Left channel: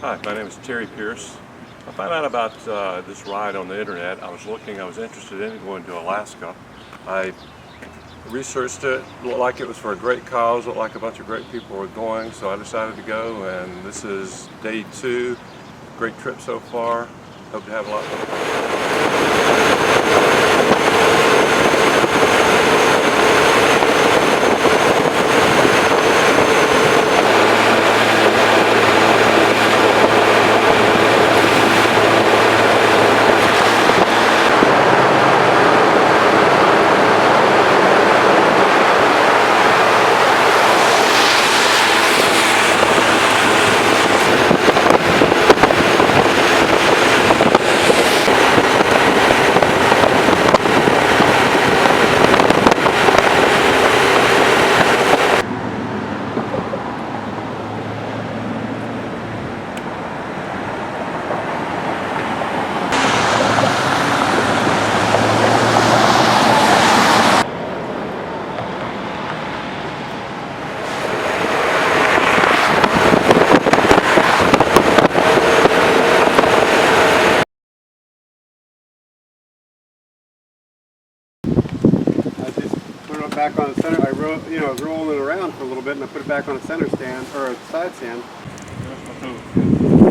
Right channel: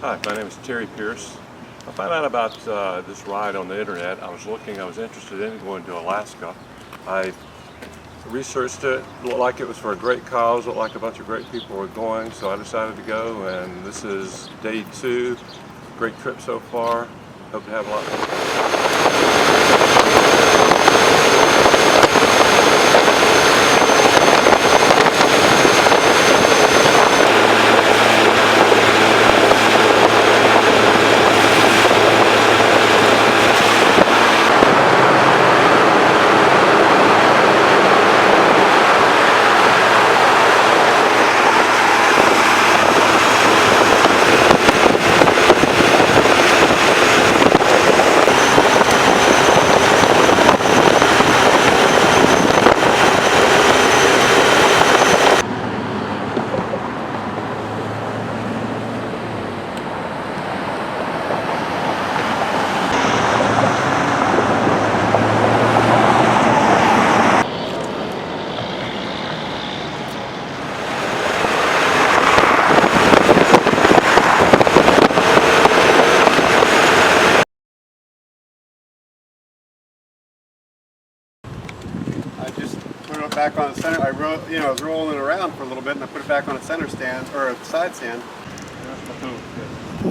Hi, my name is Terry Pierce. I found out about this ride on the internet. I was interested in going to Alaska. I researched it, looked like it was for a great cause, looked like a bunch of great people were going, so I decided to go, and this is day 2. Great trip so far. Hope to have a lot more fun. Back on center. I was rolling it around for a little bit, and I put it back on a center stand or a side stand. Here's my tool.